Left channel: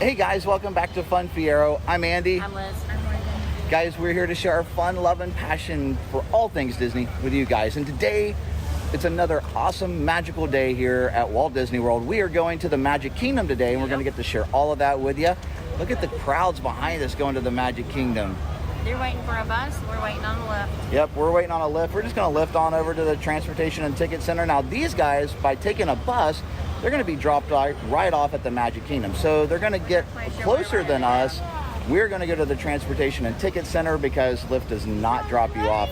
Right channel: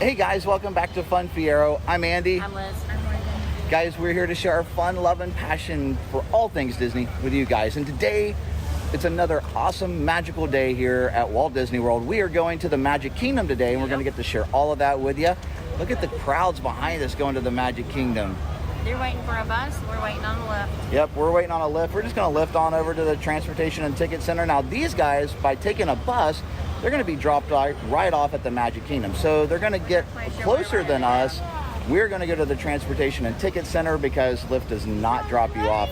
Hey guys, welcome back to Fun Fiero. I'm Andy. I'm Liz. I'm Morgan. Guys, we're here to share our fun, love, and passion for all things Disney with you guys. And today, it's another awesome, magical day here at Walt Disney World. We are going to the Magic Kingdom today, and we're going to get to share all of that with you. Look at the crowds behind us going to the Magic Kingdom. They're waiting for a bus. We're waiting on the lift. Yep, we're waiting on a lift. We're just going to lift on over to the Transportation and Ticket Center. Now, these guys, by taking a bus, they're going to be dropped right off at the Magic Kingdom. So they're going to get closer than us. We're going to go to the Transportation and Ticket Center because Lyft does not drop you off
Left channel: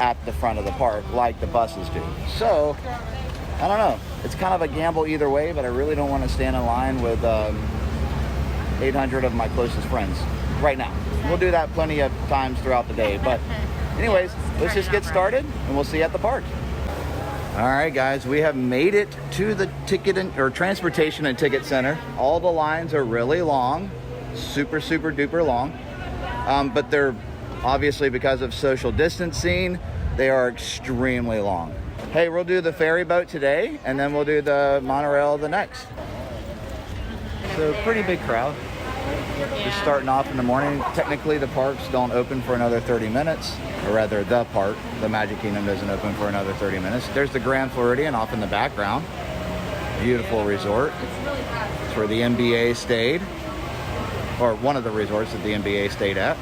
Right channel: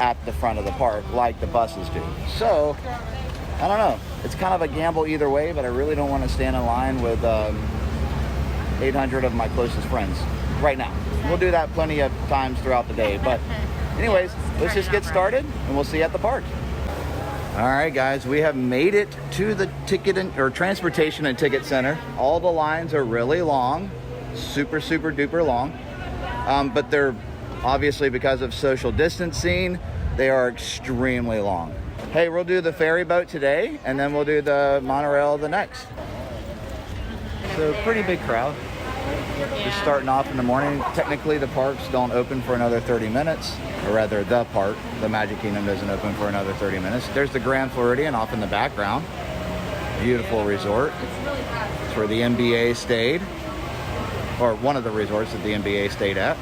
at the front of the park like the buses do. So, I don't know. It's kind of a gamble either way, but I really don't want to stand in line with 800 of my closest friends right now. We'll do that plenty of times throughout the day. But anyways, let's just get started and we'll see you at the park. All right, guys, we have made it to the Transportation and Ticket Center. All the lines are really long, super duper long, but they're obviously, because of social distancing, they are extremely long. Hey, we'll do the ferry boat today, and then we'll do the monorail the next. So pretty big crowd. Just starting off in the morning. Technically, the parks don't open for another 30 minutes, or rather, the Magic Kingdom doesn't open for another 30 minutes. There's the Grand Floridian off in the background. Beautiful resort. It's where the NBA stayed, or one of the resorts that the NBA stayed at.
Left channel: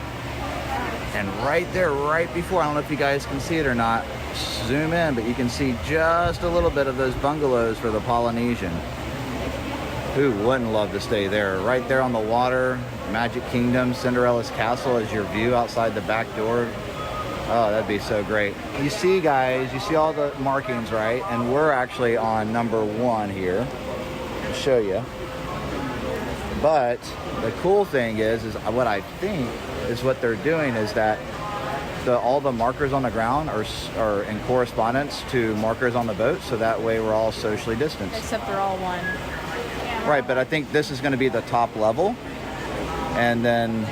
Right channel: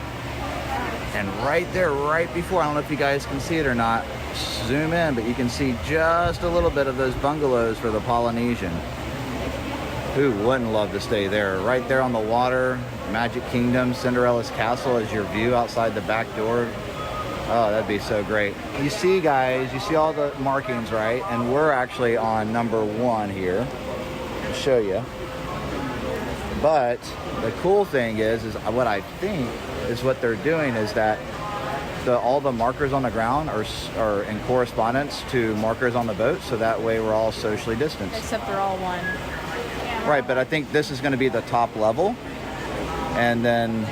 And right there, right before, I don't know if you guys can see it or not, zoom in, but you can see just a little bit of those bungalows for the Polynesian. Who wouldn't love to stay there? Right there on the water, Magic Kingdom, Cinderella's Castle as your view outside the back door. Oh, that'd be so great. You see, guys, you see all the markings, right? And we're actually on number 1 here. I'll show you. But the cool thing is what I think is what they're doing is that all the markers on the ground are in correspondence to markers on the boat, so that way we're all socially distanced. Except they're all one. Right, but I think this is going to be the top level, and then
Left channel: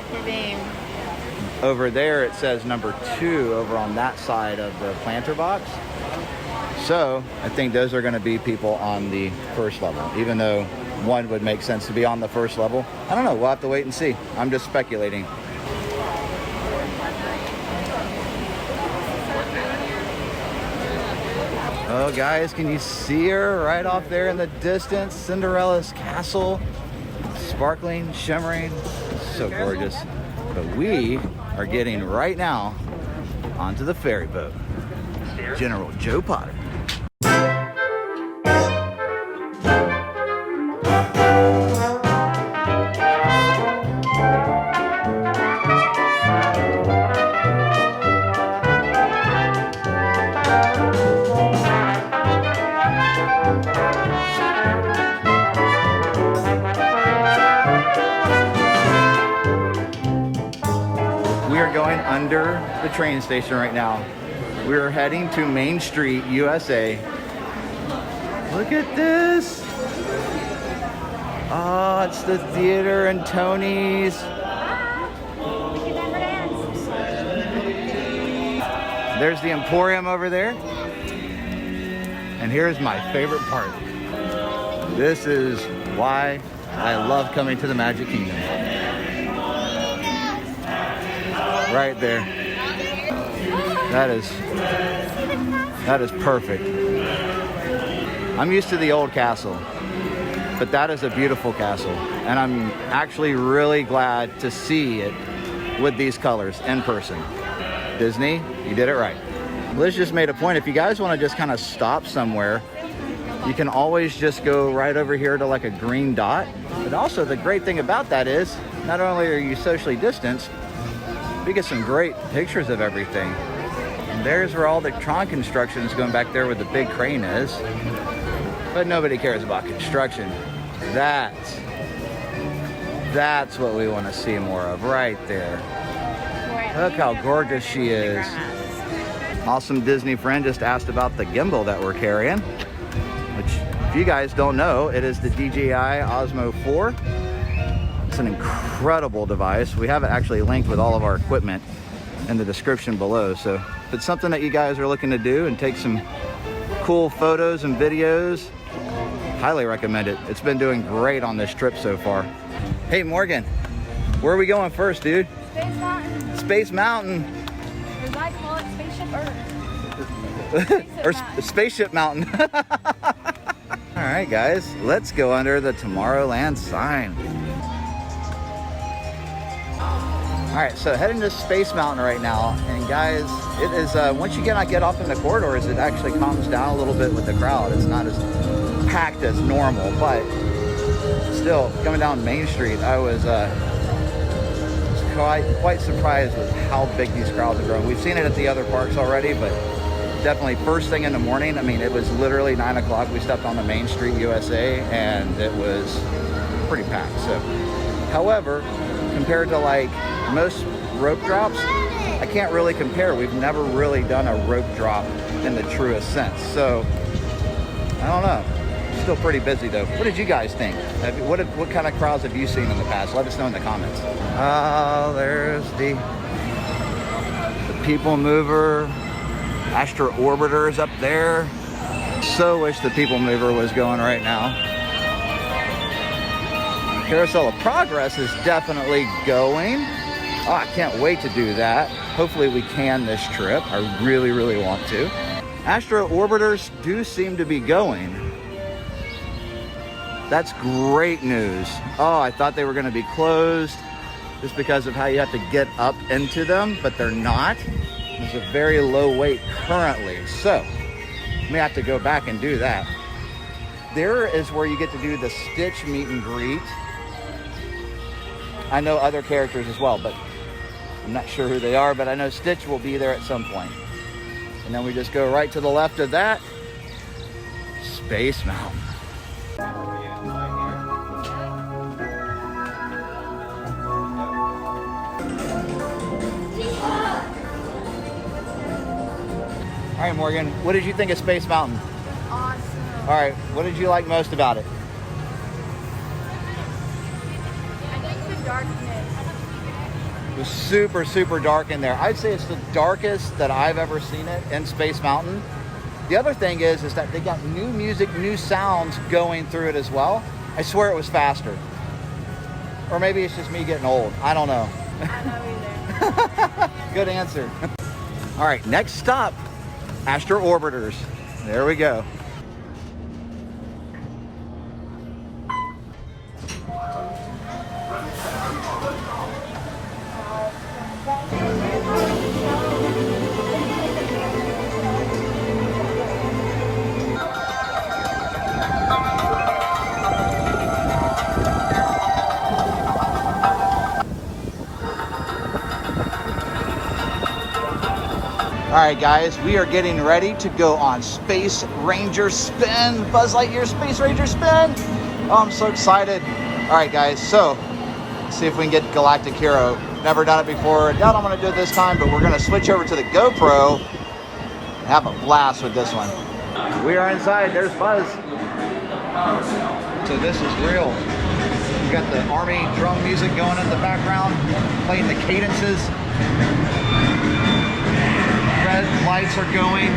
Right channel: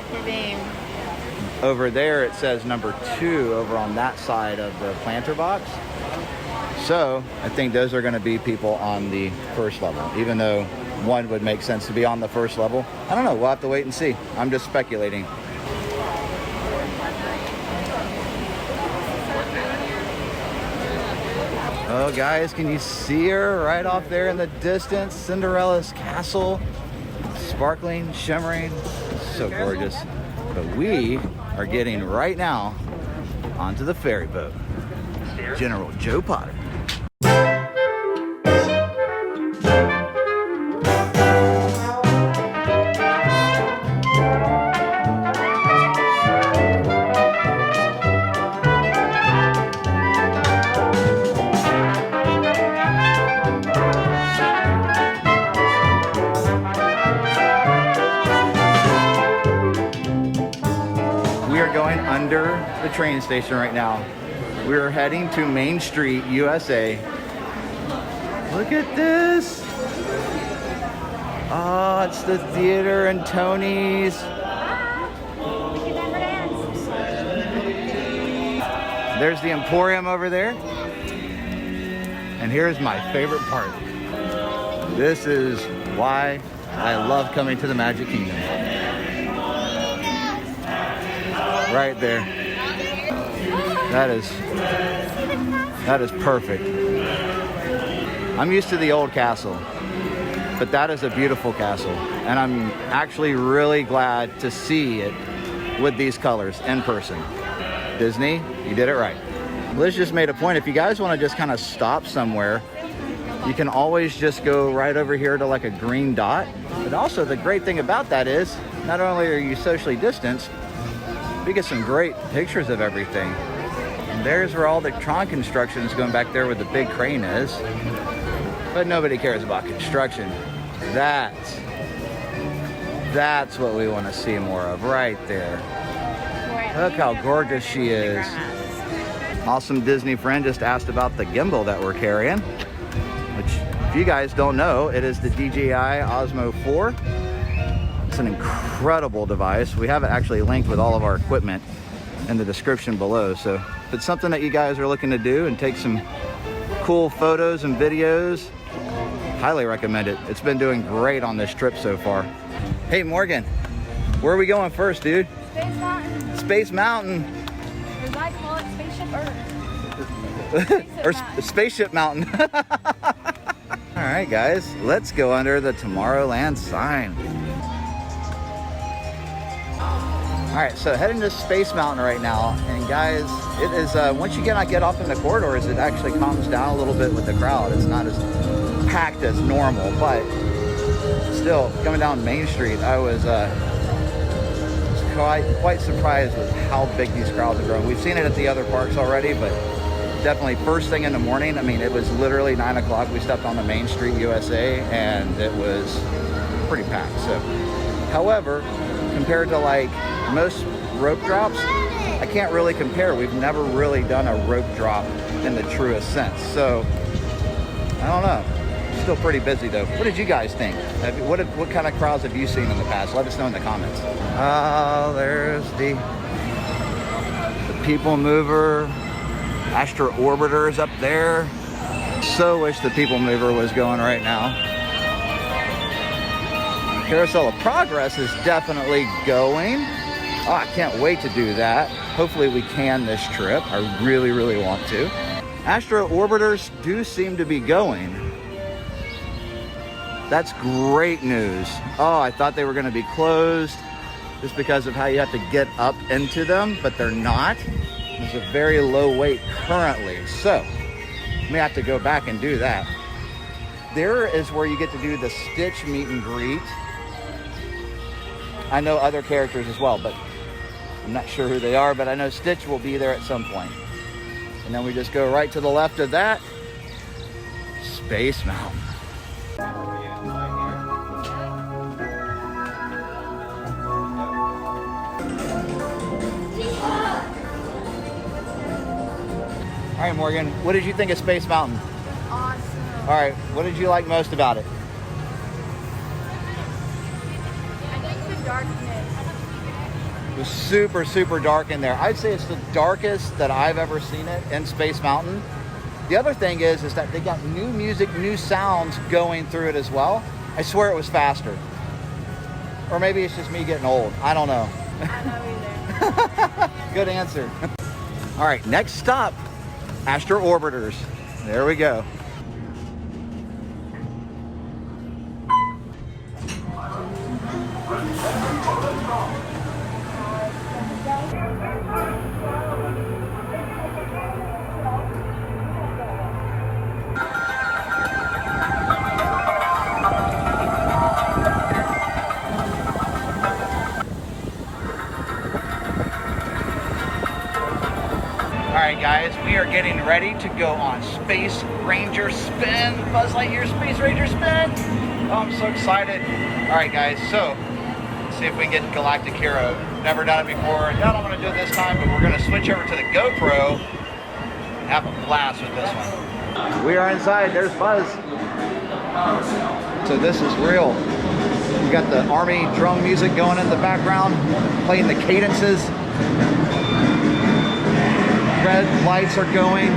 over there it says number 2 over on that side of the planter box. So I think those are going to be people on the first level, even though one would make sense to be on the first level. I don't know, we'll have to wait and see. I'm just speculating. Oh, guys, can you see her right off there in the distance? Cinderella's castle, sparkling, shimmering, so gorgeous. But we are getting right now onto the ferry boat. General Joe Potter. We are going under the train station right now. We are heading to Main Street, USA. Look at this. Oh, it's the theater and Tony's. There's the Emporium over there. And here's my favorite part. This is why I love coming to the Magic Kingdom. Right there. That is perfect. I'm used to the old castle, but that is a beautiful castle. And I'm actually really glad to see it with these colors in person. Disney, you did it right. Liz just made a point. If you guys want to just kind of stop somewhere, you can always just go right over here to like a green dot. But also the great thing about that is, not only are you socially distanced, we get some great pictures of everything. And there's where all the Tron construction is going back there where the big crane is. But nobody cares about construction. That's what we want to see more of right there. Look how gorgeous she is. Awesome Disney friend just asked about the gimbal that we're carrying, which if you guys don't know, it is the DJI Osmo 4. It's an incredible device. We have it actually linked with all of our equipment in the description below. So if it's something that you guys are looking to do and take some cool photos and videos, highly recommend it. It's been doing great on this trip so far. Hey, Morgan, where are we going first, dude? Space Mountain. Space Mountain. Or as I call it, Spaceship Earth. Or Spaceship Mountain. All right, guys, let's go under the Tomorrowland sign. All right, so heading to Space Mountain right now, and guys, it is once you get off in the corridors, it actually calms down a little bit with the crowd. It's not as packed as normal, but still, coming down Main Street, I was quite surprised with how big these crowds are growing. We've seen it at the other parks already, but definitely first thing in the morning. I mean, it was literally 9 o'clock. We stepped on the Main Street USA, and it was pretty packed. So, however, compared to like most rope drops, I can't really compare. We've never really done a rope drop in the truest sense. So, I don't know. Still pretty busy though. What did you guys think? What kind of crowds have you seen in the past? Let us know in the comments. Oh, there's the People Mover. Astro Orbiter is up there. So wish the People Mover was going right now. Carousel of Progress is definitely going. Oh, I can't wait to do that. Hopefully we can this trip. I really, really want to. Astro Orbiters do seem to be going. That's great news. Oh, I thought they were going to be closed just because of how you have to get up into them, but they're not. There's a very low wait currently, so I may have to go back and do that. There is where you get to do the Stitch meet and greet. I know other characters as well, but I'm not sure who they are, but I know Stitch will be there at some point. And then we just go right to the left of that, Space Mountain. All right, Morgan, what did you think of Space Mountain? Awesome. All right, what did you like most about it? I think the darkness. It was super, super dark in there. I'd say it's the darkest that I've ever seen it in Space Mountain. The other thing is that they got new music, new sounds going through it as well. I swear it was faster. Or maybe it's just me getting old. I don't know. I know either. Good answer. All right, next stop, Astro Orbiters. There we go. All right, guys, we are getting ready to go on Space Ranger Spin. Buzz Lightyear Space Ranger Spin. Oh, I'm so excited. All right, guys, so let's see if we can get Galactic Hero. Never done it before. Doubt I'm gonna do it this time, but we're gonna switch over to the GoPro and have a blast with this one. We are inside. There's Buzz. So this is real. We got the Army drum music going in the background, playing the cadences. Red lights are going,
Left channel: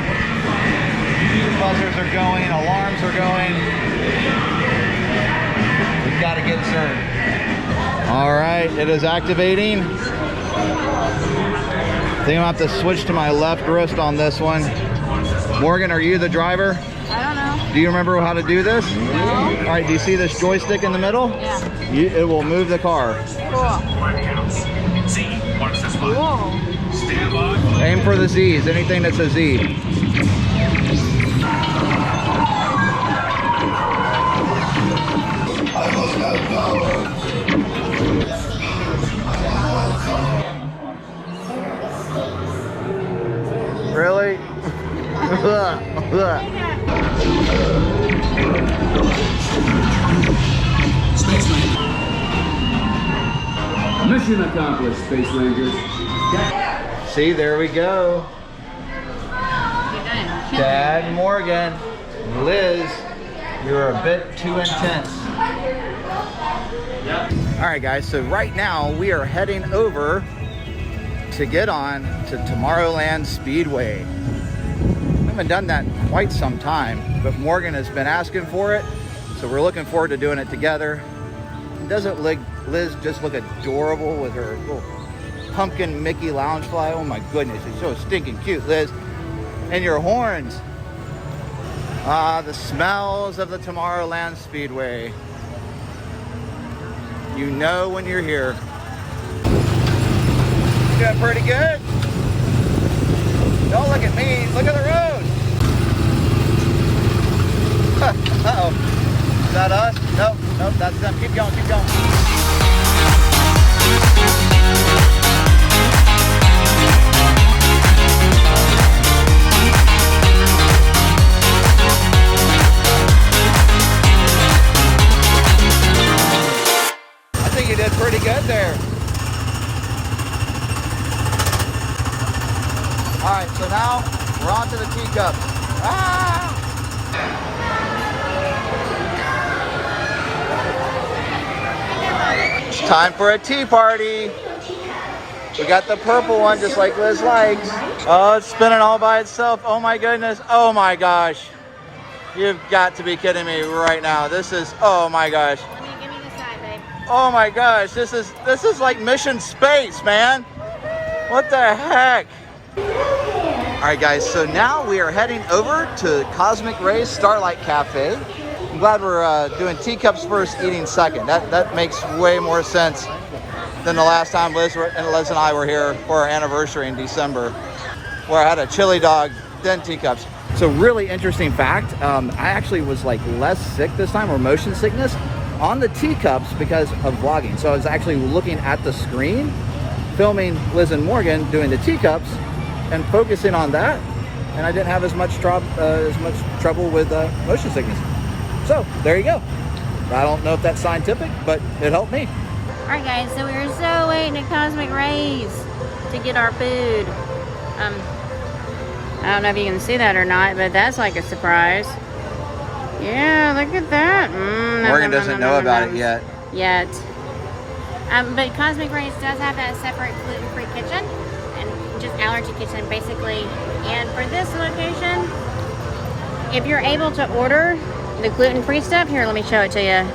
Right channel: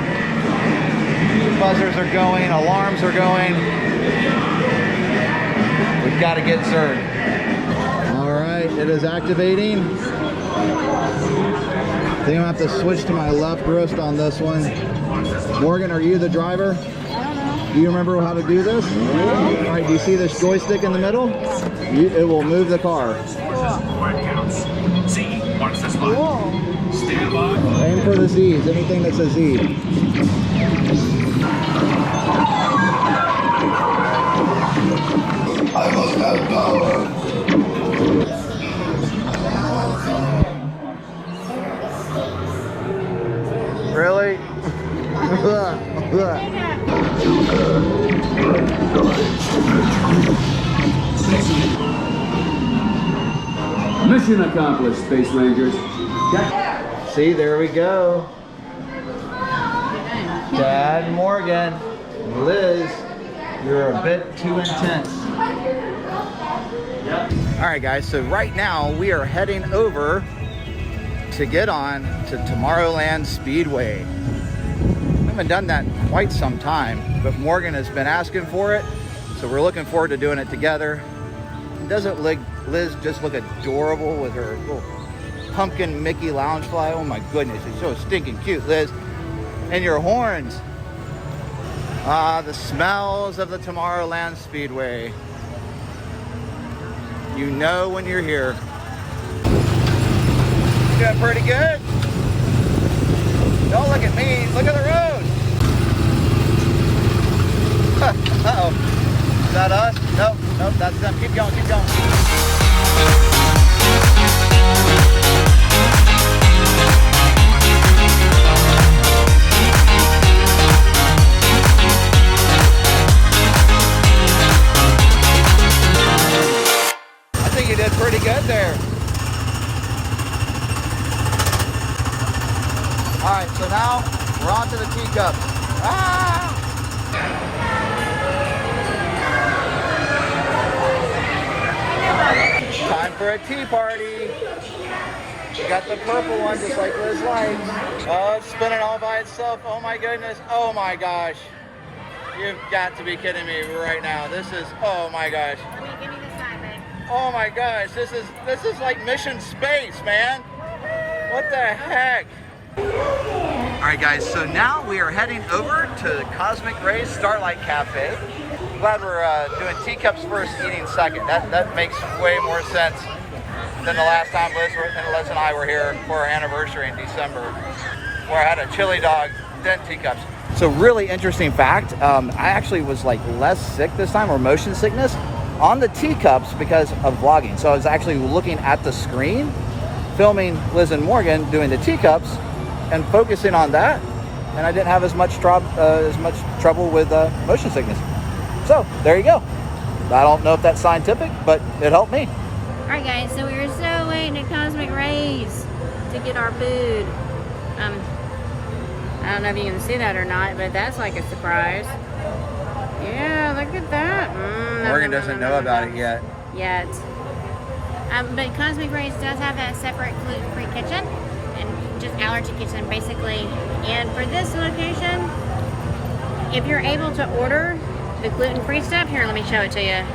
buzzers are going, alarms are going. We've got to get served. All right, it is activating. I think I'm gonna have to switch to my left wrist on this one. Morgan, are you the driver? I don't know. Do you remember how to do this? All right, do you see this joystick in the middle? Yeah. It will move the car. Cool. Aim for the Z's, anything that's a Z. I must have power. Really? Mission accomplished, Space Rangers. See, there we go. Dad, Morgan, Liz, you're a bit too intense. All right, guys, so right now we are heading over to get on to Tomorrowland Speedway. We haven't done that in quite some time, but Morgan has been asking for it, so we're looking forward to doing it together. doesn't Liz just look adorable with her little pumpkin Mickey Loungefly? Oh my goodness, it's so stinking cute, Liz. And your horns. Ah, the smells of the Tomorrowland Speedway. You know when you're here. Doing pretty good. Don't look at me, look at the road. Uh-oh. Is that us? Nope, nope, that's them. Keep going, keep going. I think you did pretty good there. All right, so now we're on to the teacups. Ah! It's time for a tea party. We got the purple one just like Liz likes. Oh, it's spinning all by itself. Oh my goodness. Oh my gosh. You've got to be kidding me right now. This is, oh my gosh. Give me the side, babe. Oh my gosh, this is like mission space, man. What the heck? All right, guys, so now we are heading over to Cosmic Ray's Starlight Cafe. I'm glad we're doing teacups first, eating second. That makes way more sense than the last time Liz and I were here for our anniversary in December, where I had a chili dog, then teacups. So really interesting fact, I actually was like less sick this time, or motion sickness, on the teacups because of vlogging. So I was actually looking at the screen, filming Liz and Morgan doing the teacups, and focusing on that, and I didn't have as much trouble with motion sickness. So there you go. I don't know if that's scientific, but it helped me. All right, guys, so we were so waiting at Cosmic Ray's to get our food. I don't know if you can see that or not, but that's like a surprise. Yeah, look at that. Morgan doesn't know about it yet. But Cosmic Ray's does have that separate gluten-free kitchen and just allergy kitchen, basically. And for this location, if you're able to order the gluten-free stuff, here, let me show it to you.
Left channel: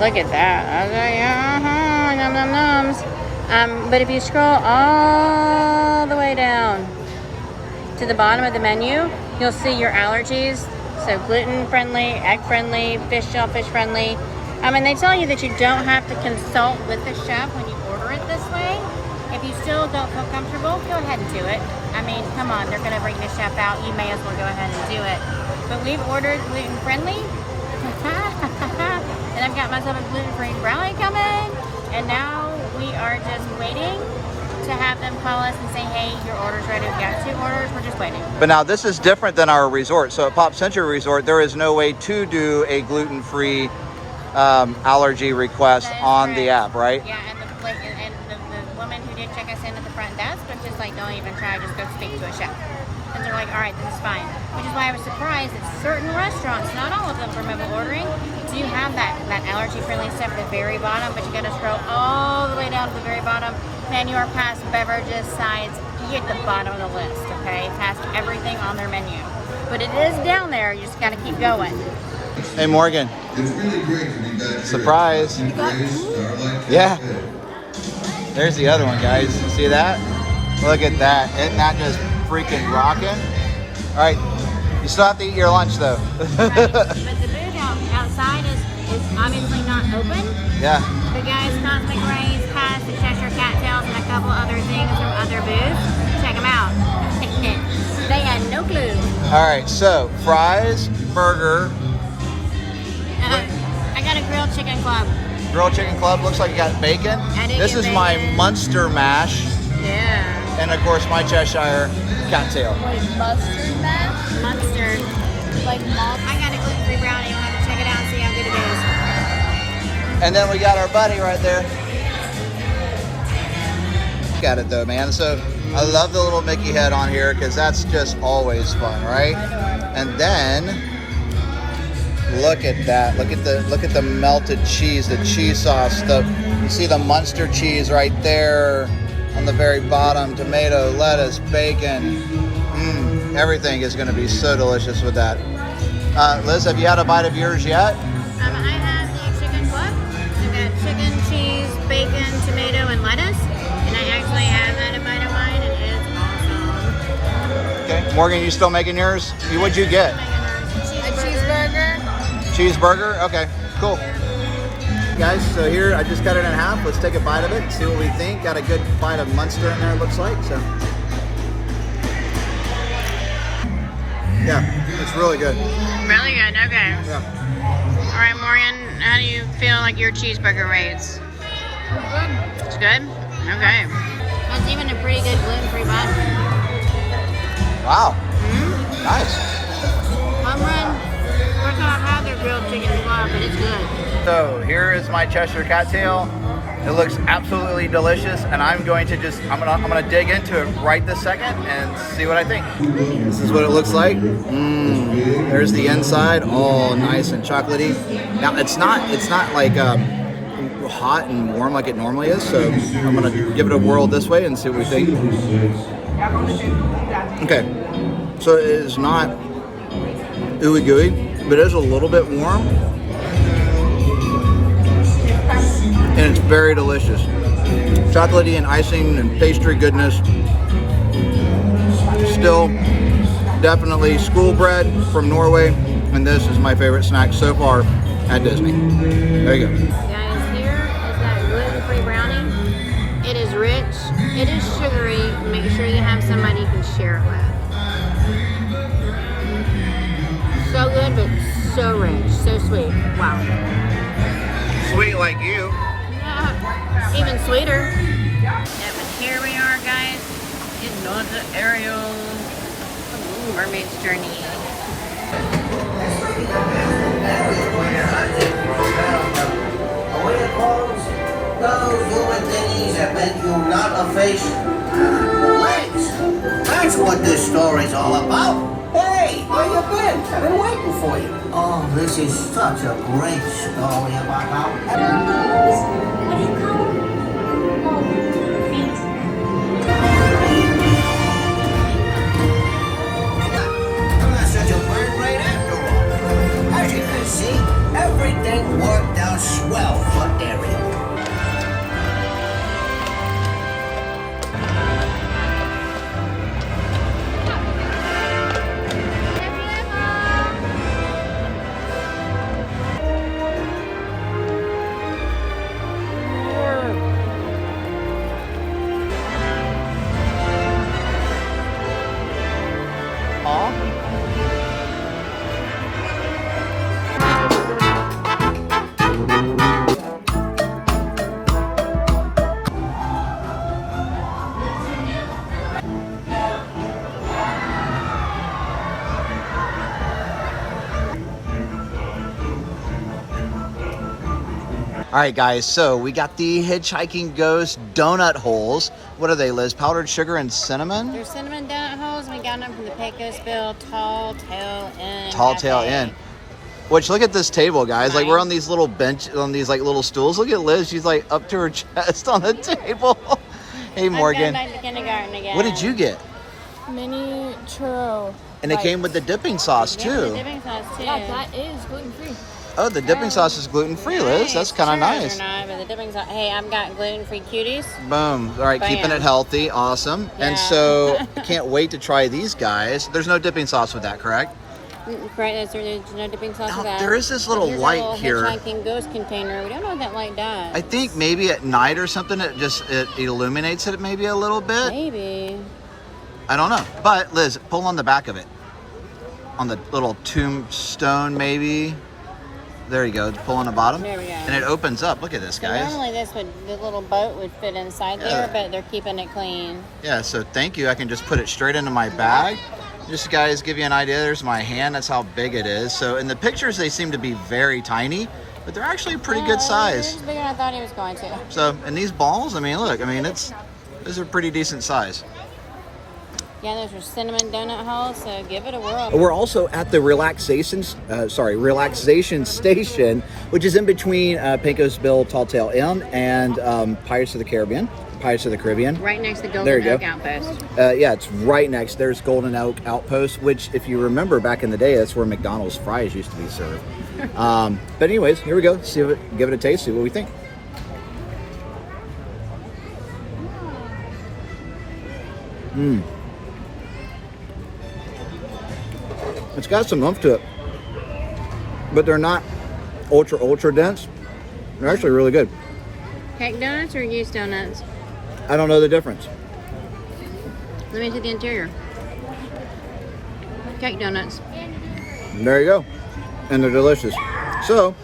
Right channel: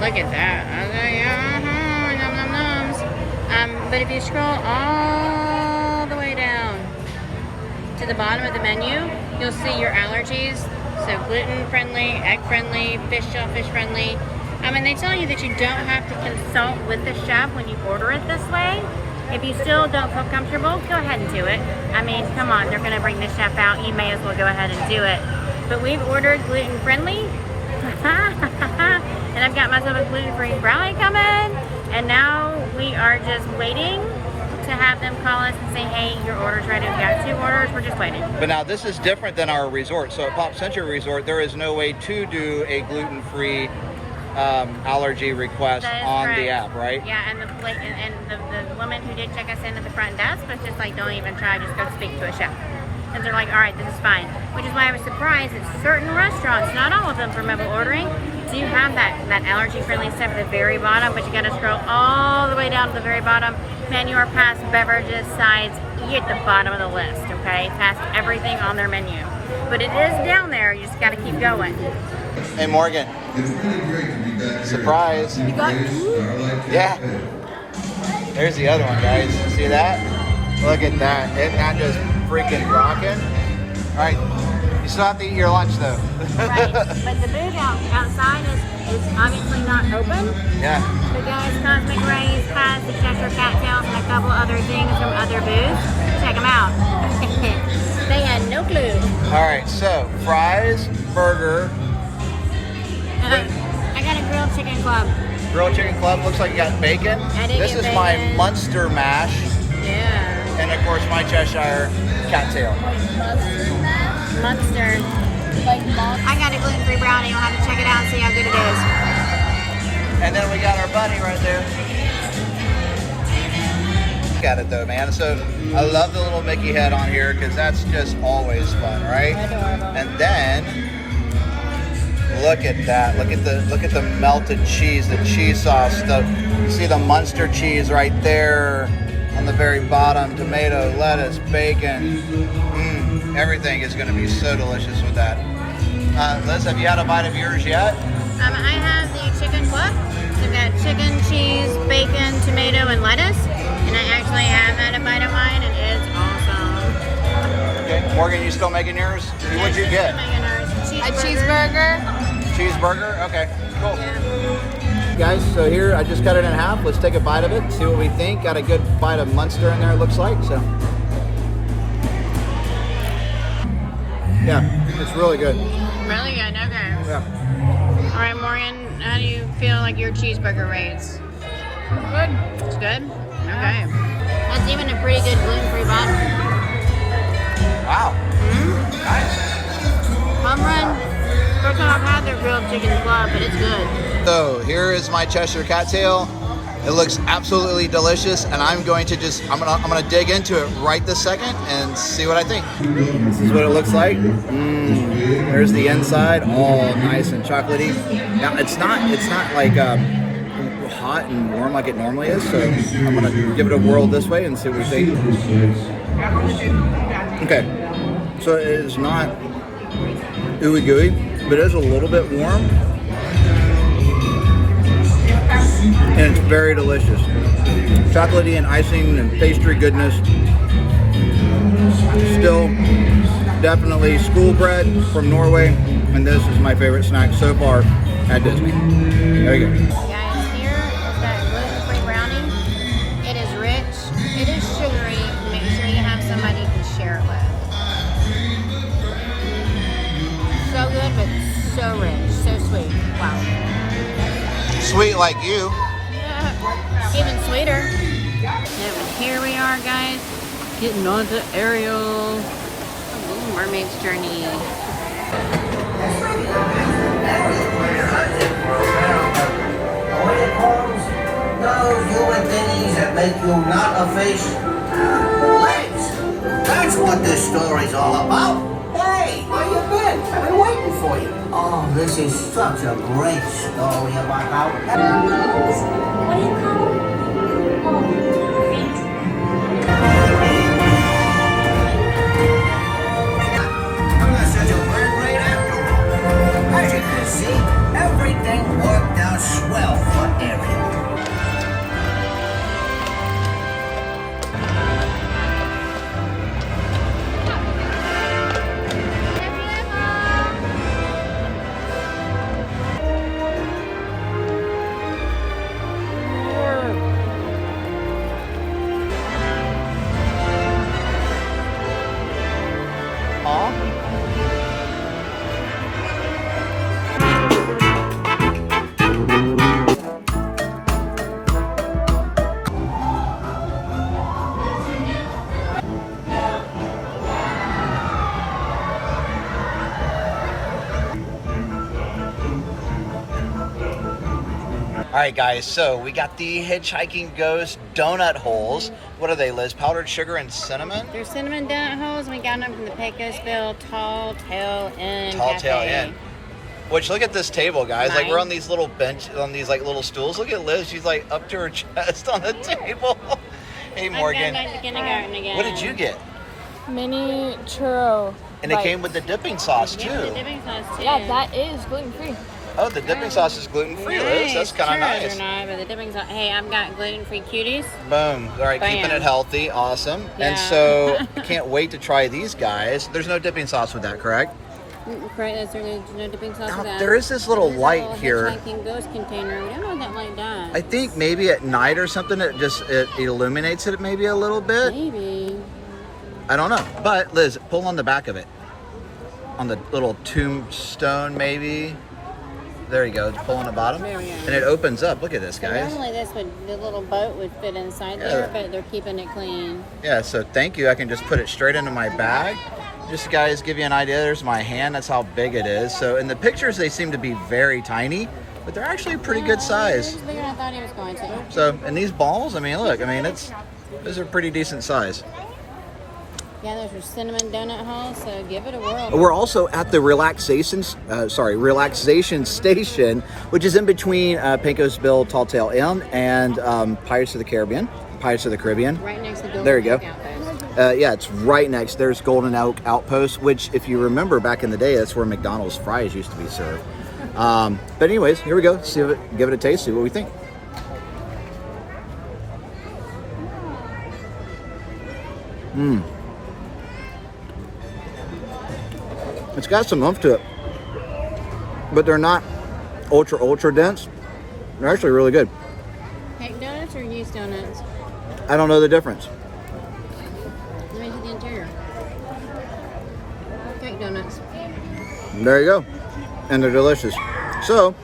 Look at that. Okay, yum, num, nums. But if you scroll all the way down to the bottom of the menu, you'll see your allergies. So gluten-friendly, egg-friendly, shellfish-friendly. And they tell you that you don't have to consult with the chef when you order it this way. If you still don't feel comfortable, go ahead and do it. I mean, come on, they're gonna bring the chef out. You may as well go ahead and do it. But we've ordered gluten-friendly. And I've got myself a gluten-free brownie coming. And now we are just waiting to have them call us and say, hey, your order's ready. We've got 2 orders, we're just waiting. But now this is different than our resort. So at Pop Century Resort, there is no way to do a gluten-free allergy request on correct. The app, right? Yeah, and the woman who did check us in at the front desk was just like, don't even try, just go speak to a chef. And they're like, all right, this is fine. Which is why I was surprised that certain restaurants, not all of them for mobile ordering, do have that allergy-friendly stuff at the very bottom, but you gotta scroll all the way down to the very bottom. Menu or past beverages, sides, you're at the bottom of the list, okay? Past everything on their menu. But it is down there, you just gotta keep going. Hey Morgan. It's really great to be back. Surprise. You got Yeah. There's the other one, guys. See that? Look at that. Isn't that just freaking rocking? All right. You still have to eat your lunch though. Right. But the booth outside is obviously not open. Yeah. The guys, Cosmic Ray's has the Cheshire Cat Tails and a couple other things from other booths. Check them out. They had no clue. All right. So fries, burger. I got a grilled chicken club. Grilled chicken club. Looks like you got bacon. I did This get is bacon. my Munster mash. Yeah. And of course my Cheshire Cat Tail. Wait, mustard mash? Mustard. Like mustard? I got a gluten-free brownie. You'll have to check it out and see how good it is. And then we got our buddy right there. Look at it though, man. So I love the little Mickey head on here because that's just always fun, right? And then look at that. Look at the melted cheese, the cheese sauce. You see the Munster cheese right there on the very bottom. Tomato, lettuce, bacon. Everything is going to be so delicious with that. Liz, have you had a bite of yours yet? I have the chicken club. I've got chicken, cheese, bacon, tomato, and lettuce. And I actually have had a bite of mine, and it's awesome. Morgan, you still making yours? What'd you get? A cheeseburger. Cheeseburger? Okay, cool. Guys, so here I just cut it in half. Let's take a bite of it, see what we think. Got a good bite of Munster in there, it looks like. So, yeah, it's really good. Really good, okay. Yeah. All right, Morgan, how do you feel like your cheeseburger rates? Good. It's good? Okay. That's even a pretty good gluten-free bun. Wow. Nice. Home run. First time I've had their grilled chicken club, but it's good. So here is my Cheshire Cat Tail. It looks absolutely delicious, and I'm going to I'm gonna dig into it right this second and see what I think. This is what it looks like. There's the inside, all nice and chocolatey. Now it's not like hot and warm like it normally is, so I'm gonna give it a whirl this way and see what we think. Okay, so it is not ooey gooey, but it is a little bit warm. And it's very delicious. Chocolatey and icing and pastry goodness. Still definitely school bread from Norway, and this is my favorite snack so far at Disney. There you go. Guys, here is that gluten-free brownie. It is rich, it is sugary. Make sure you have somebody you can share it with. So good, but so rich, so sweet. Wow. Sweet like you. Yeah, even sweeter. Yeah, here we are, guys. Getting on to Ariel. Ooh, mermaid's journey. Those human thingies that make you not a face. Legs! That's what this story's all about. Hey, where you been? I've been waiting for you. Oh, this is such a great story about how... I'm not such a bird right after all. As you can see, everything worked out swell for Ariel. All right, guys, so we got the Hitchhiking Ghost donut holes. What are they, Liz? Powdered sugar and cinnamon? They're cinnamon donut holes. We got them from the Pecos Bill Tall Tail Inn. Tall Tail Inn. Which, look at this table, guys. Like, we're on these little bench, on these like little stools. Look at Liz. She's like up to her chest on the table. Hey, Morgan. I'm going back to kindergarten again. What did you get? Mini churro. And it came with the dipping sauce, Give me the too. dipping sauce, too. Yeah, that is gluten-free. Oh, the dipping sauce is gluten-free, Liz. Nice. That's kind of Churros nice. Are not, but the dipping sauce. Hey, I've got gluten-free cuties. Boom. All right, Bam. keeping it healthy. Awesome. Yeah. And so, can't wait to try these guys. There's no dipping sauce with that, correct? Right, there's no dipping sauce Now, with that. there is this little Here's a light little here. Hitchhiking Ghost container. We don't know what that light does. I think maybe at night or something, it illuminates it maybe a little bit. Maybe. I don't know. But Liz, pull on the back of it. On the little tombstone, maybe. There you go. Pull on the bottom. There we go. And it opens up. Look at this, guys. Normally the little boat would fit inside Yeah. there, but they're keeping it clean. Yeah, so thank you. I can just put it straight into my bag. Just guys, give you an idea. There's my hand. That's how big it is. So in the pictures, they seem to be very tiny, but they're actually pretty good size. It's bigger than I thought he was going to. So, and these balls, I mean, look, I mean, those are pretty decent size. Yeah, those are cinnamon donut holes, so give it a whirl. We're also at the Relaxation Station, which is in between Pecos Bill Tall Tail Inn and Pirates of the Caribbean. Pirates of the Caribbean. Right next to There you Golden Oak go. Outpost. Yeah, it's right next. There's Golden Oak Outpost, which, if you remember back in the day, that's where McDonald's fries used to be served. But anyways, here we go. Give it a taste. See what we think. It's got some oomph to it, but they're not ultra dense. They're actually really good. Cake donuts or yeast donuts? I don't know the difference. Let me see the interior. Cake donuts. There you go. And they're delicious. So,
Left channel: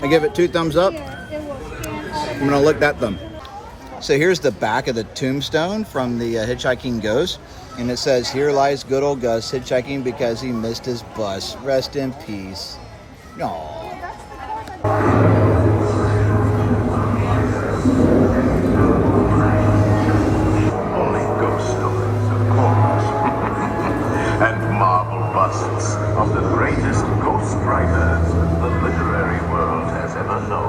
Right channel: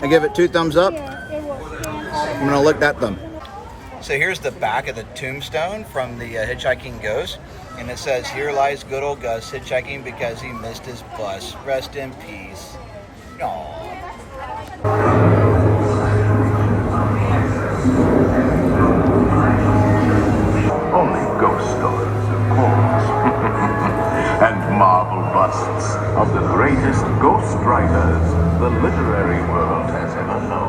I give it 2 thumbs up. I'm gonna lick that thumb. So here's the back of the tombstone from the Hitchhiking Ghost. And it says, "Here lies good old Gus, hitchhiking because he missed his bus. Rest in peace." Aww. Only ghost stories, of course. And marble busts of the greatest ghost writers the literary world has ever known.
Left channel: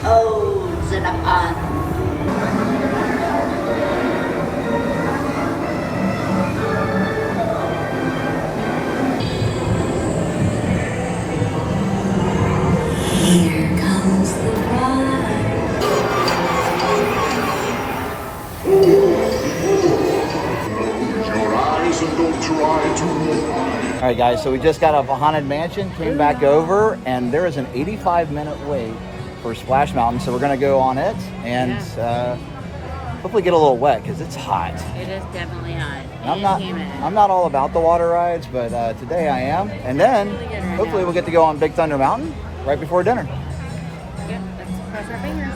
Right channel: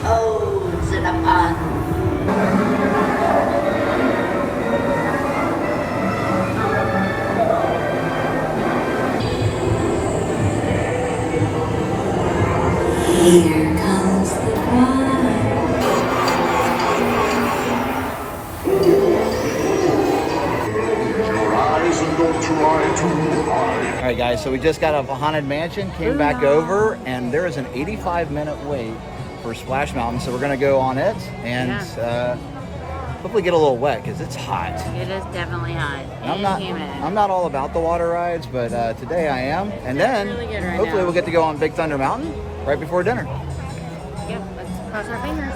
Toads in a pond. Here comes the bride. Close your eyes and don't try too hard. All right, guys, so we just got off a Haunted Mansion, came back over, and there is an 85-minute wait for Splash Mountain, so we're going to go on it and hopefully get a little wet because it's hot. It is definitely hot. And I'm not all about the water rides, but today I am. And then really good right hopefully now. we'll get to go on Big Thunder Mountain right before dinner. Yep, let's cross our fingers.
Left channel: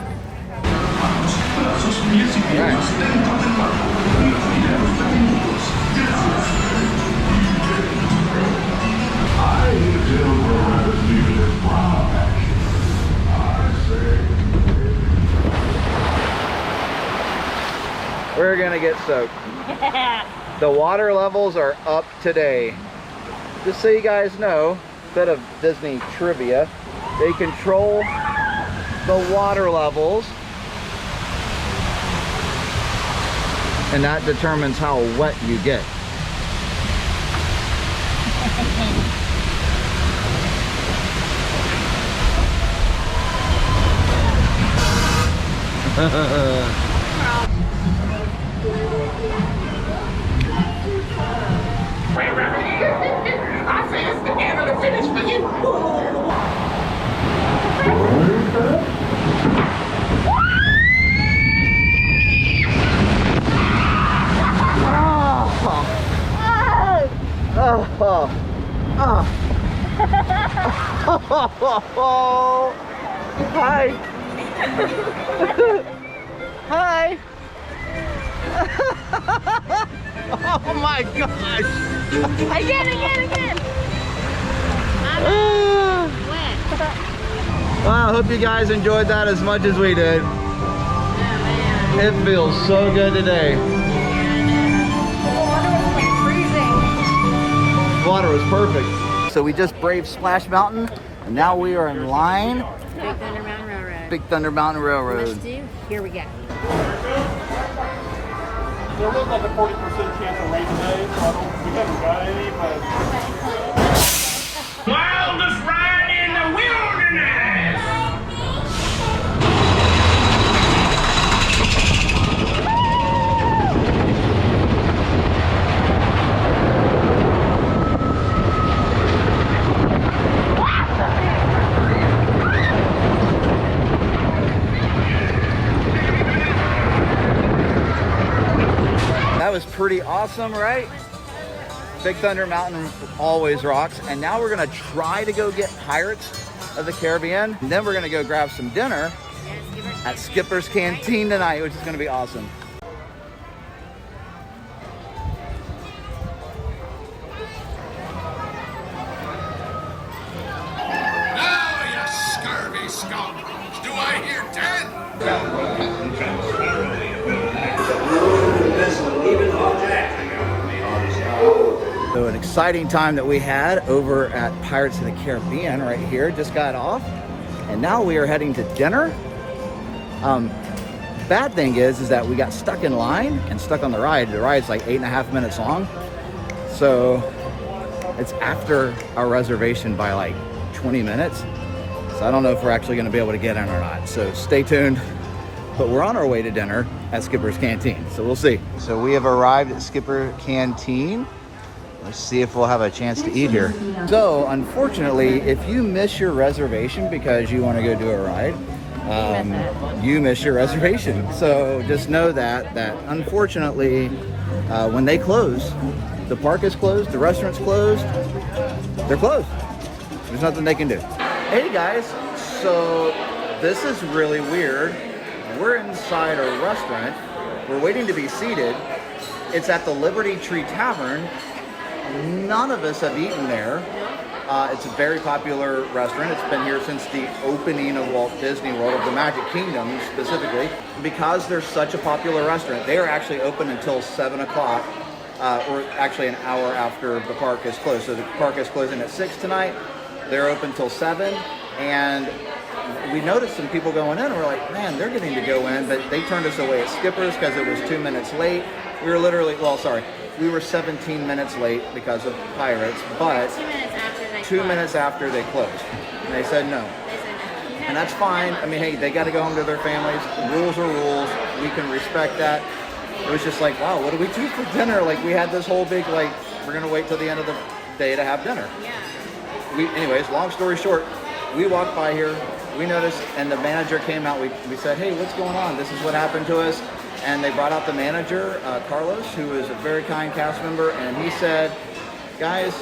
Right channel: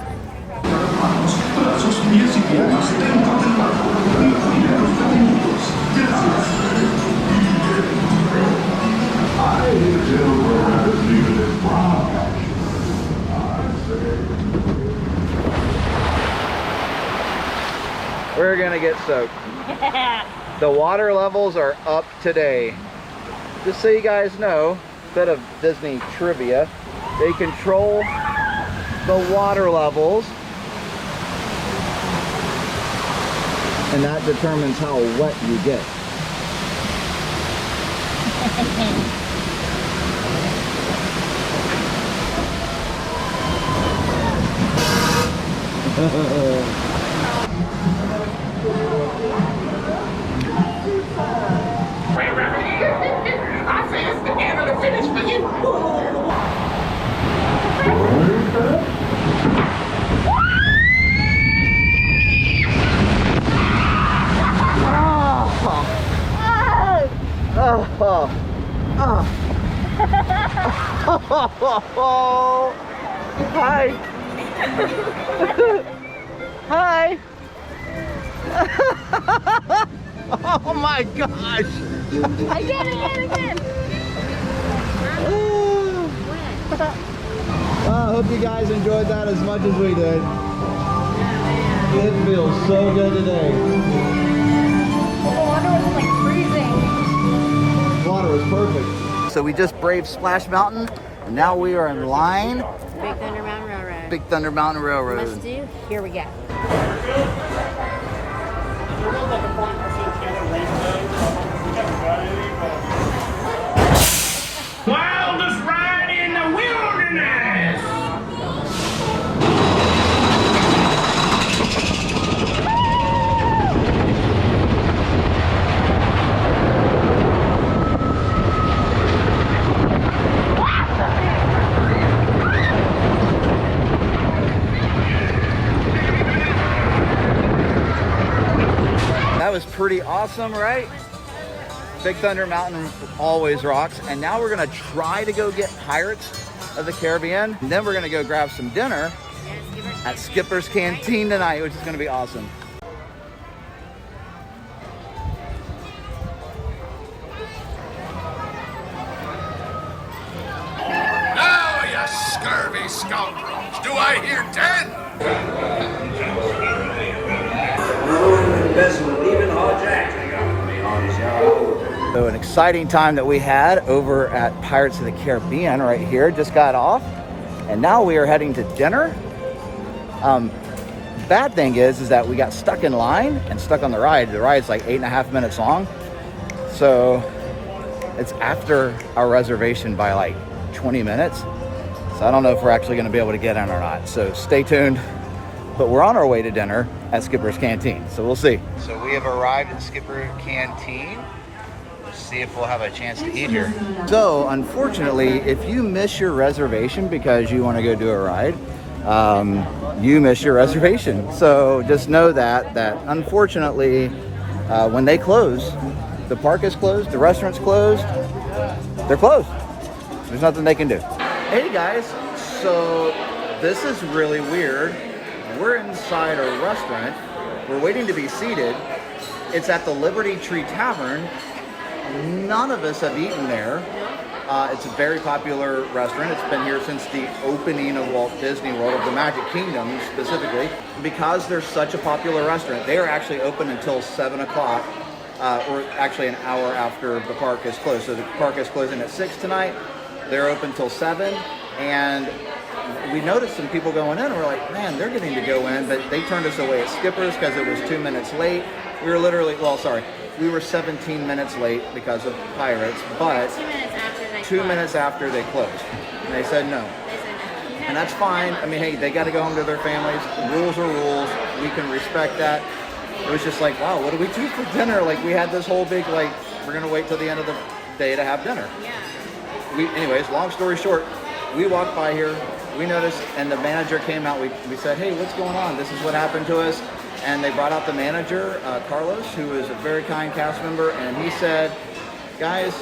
We're gonna get soaked. The water levels are up today. Just so you guys know, a bit of Disney trivia, they control the water levels, and that determines how wet you get. I say it's the end of the finish for you. Hi. Hi. Oh my gosh. Again. Wow, I hope you guys enjoyed that as much as we did. It feels so good today. The water was like freezing. Water was perfect. So we just braved Splash Mountain, and now we are in line. Big Thunder Mountain Railroad. Big Thunder Mountain Let's Railroad. do. Here we go. There was like a 40% chance of rain today. We haven't got any, but... Wildest ride in the wilderness! That was pretty awesome, right? Big Thunder Mountain always rocks. And now we're gonna try to go get Pirates of the Caribbean. And then we're gonna go grab some dinner at Skipper's Canteen tonight, which is gonna be awesome. Now, you scurvy scoundrels, do I hear 10? So an exciting time that we had over at Pirates of the Caribbean right here. Just got off, and now we are heading to dinner. Bad thing is that we got stuck in line and stuck on the ride. The ride's like 8.5 minutes long. So it's after our reservation by like 20 minutes. So I don't know if we're actually going to be able to get in or not. So stay tuned. But we're on our way to dinner at Skipper's Canteen. So we'll see. So we have arrived at Skipper Canteen. Let's see if we'll have a chance to eat here. So unfortunately, if you miss your reservation because you want to go do a ride, you miss your reservation. So just know that unfortunately, when they close, the park is closed, the restaurant's closed, they're closed. There's nothing they can do. Hey guys, so this is really weird. We're inside a restaurant. We're waiting to be seated. It's at the Liberty Tree Tavern. None of us have eaten there. It's a very popular restaurant. It's been here since the opening of Walt Disney World, of the Magic Kingdom specifically. Because they're such a popular restaurant, they are actually open until 7 o'clock, or actually an hour after the park is closed. So the park is closing at 6 tonight. They're open till 7, and we noticed some people going in, and we're like, man, they're getting to go in, but they turned us away at Skipper's because it was 2 minutes late. We were literally, we were 17 minutes late because of Pirates, but 2 minutes after they closed. And they said no. And that's fine. I mean, hey, they got to go home to their families. Rules are rules. We can respect that. It was just like, wow, what do we do for dinner? Like, we had this whole big, like, we're going to wait till the end of the day to have dinner. Anyways, long story short, we walked by here, we noticed, and the manager came out. We said, hey, what's going on? This is what happened to us. And they brought out the manager, Carlos, who is a very kind cast member, and he said, guys,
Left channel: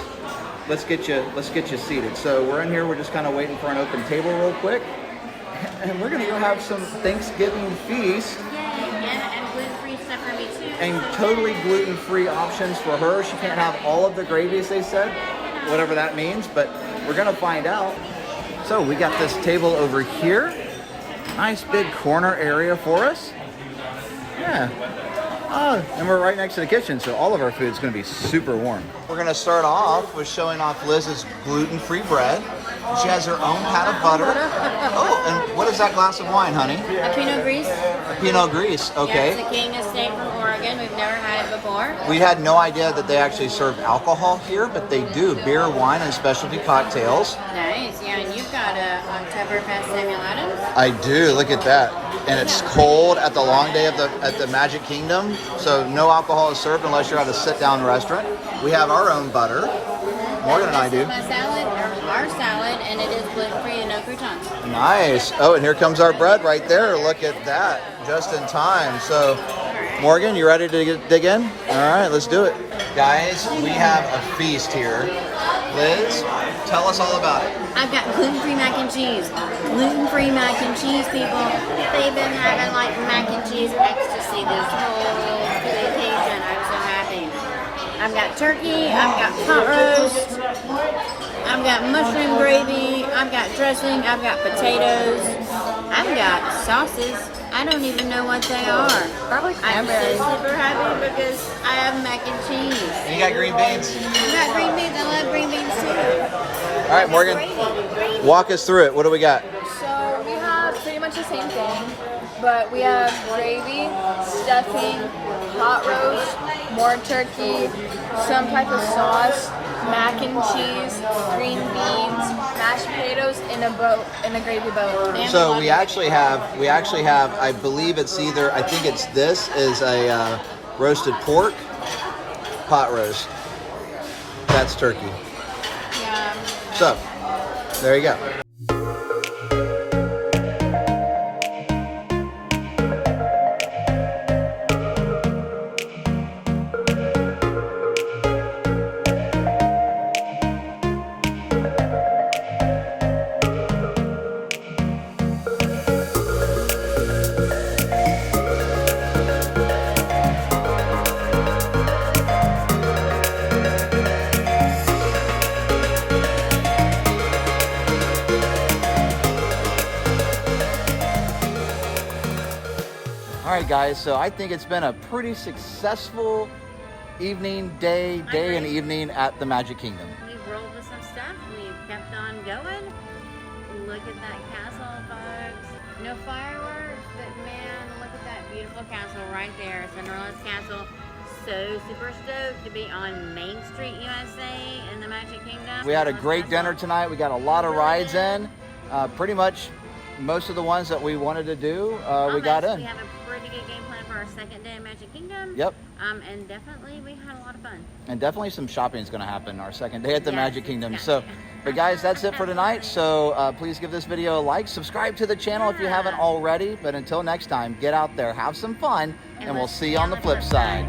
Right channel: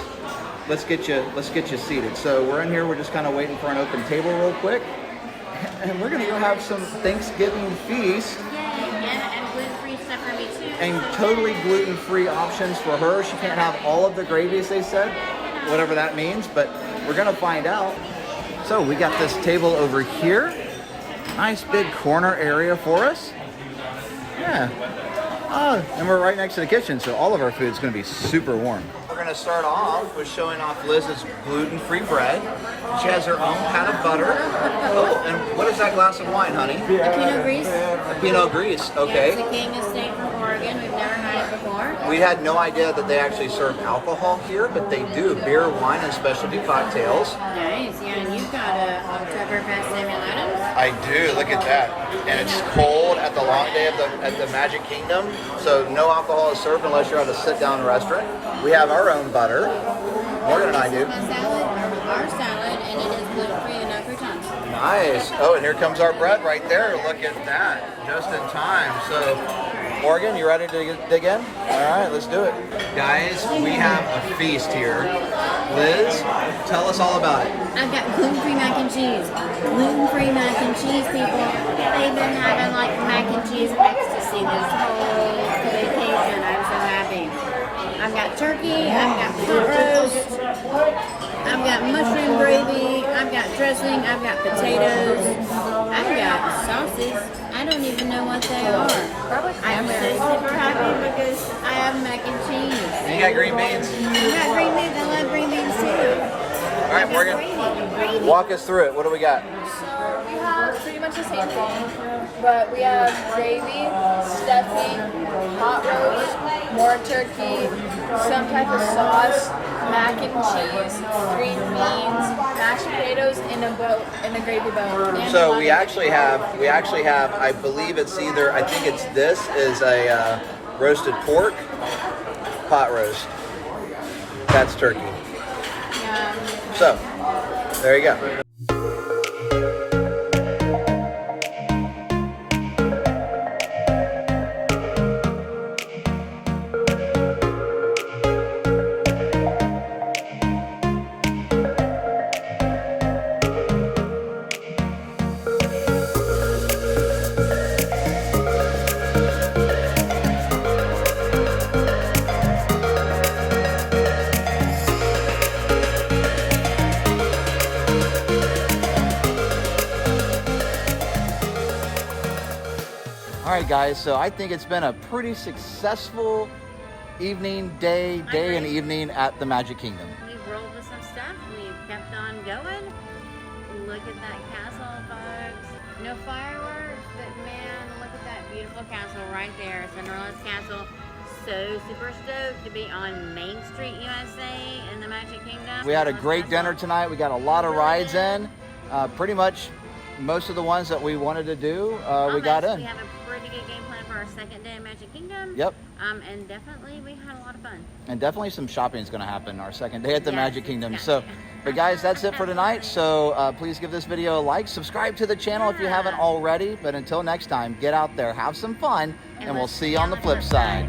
let's get you seated. So we're in here, we're just kind of waiting for an open table real quick, and we're gonna go have some Thanksgiving feast. And gluten-free stuff for me too. And totally gluten-free options for her. She can't have all of the gravies, they said, whatever that means, but we're gonna find out. So we got this table over here. Nice big corner area for us. Yeah. Oh, and we're right next to the kitchen, so all of our food is going to be super warm. We're going to start off with showing off Liz's gluten-free bread. She has her own pat of butter. Oh, and what is that glass of wine, honey? A Pinot Gris. Pinot Gris, okay. Yeah, it's a King Estate from Oregon. We've never had it before. We had no idea that they actually serve alcohol here, but they do. Beer, wine, and specialty cocktails. Nice, yeah, and you've got a Oktoberfest Simulatum. I do, look at that. And it's cold at the long day at the Magic Kingdom, so no alcohol is served unless you're at a sit-down restaurant. We have our own butter, more than I do. My salad, our salad, and it is gluten-free and no croutons. Nice. Oh, and here comes our bread right there. Look at that, just in time. So, Morgan, you ready to dig in? All right, let's do it. Guys, we have a feast here. Liz, tell us all about it. I've got gluten-free mac and cheese. Gluten-free mac and cheese, people. They've been having like mac and cheese ecstasy this whole vacation. I'm so happy. I've got turkey, I've got pot roast, I've got mushroom gravy, I've got dressing, I've got potatoes, I've got sauces. I don't even know what they are. I'm so super happy because I have mac and cheese. And you got green beans? I got green beans. I love green beans too. All right, Morgan, Gravy. walk us through it. What do we got? So we have pretty much the same thing, but we have gravy, stuffing, hot roast, more turkey, some type of sauce, mac and cheese, green beans, mashed potatoes in a gravy boat. So we actually have, I believe it's either, I think it's this is a roasted pork, pot roast. That's turkey. Yeah. So, there you go. All right, guys, so I think it's been a pretty successful evening, day and evening at the Magic Kingdom. We've rolled with some stuff. We've kept on going. Look at that castle, folks. No fireworks, but man, look at that beautiful castle right there. Cinderella's castle. So super stoked to be on Main Street, USA in the Magic Kingdom. We had a great dinner tonight. We got a lot of rides in. Pretty much most of the ones that we wanted to do, we got in. We have a pretty good game plan for our second day in Magic Kingdom. Yep. And definitely we had a lot of fun. And definitely some shopping is going to happen our second day at the Yes, Magic Kingdom. it's So, got to. but guys, that's it for tonight. So please give this video a like, subscribe to the channel if you haven't already. But until next time, get out there, have some fun, and we'll see you on the flip side.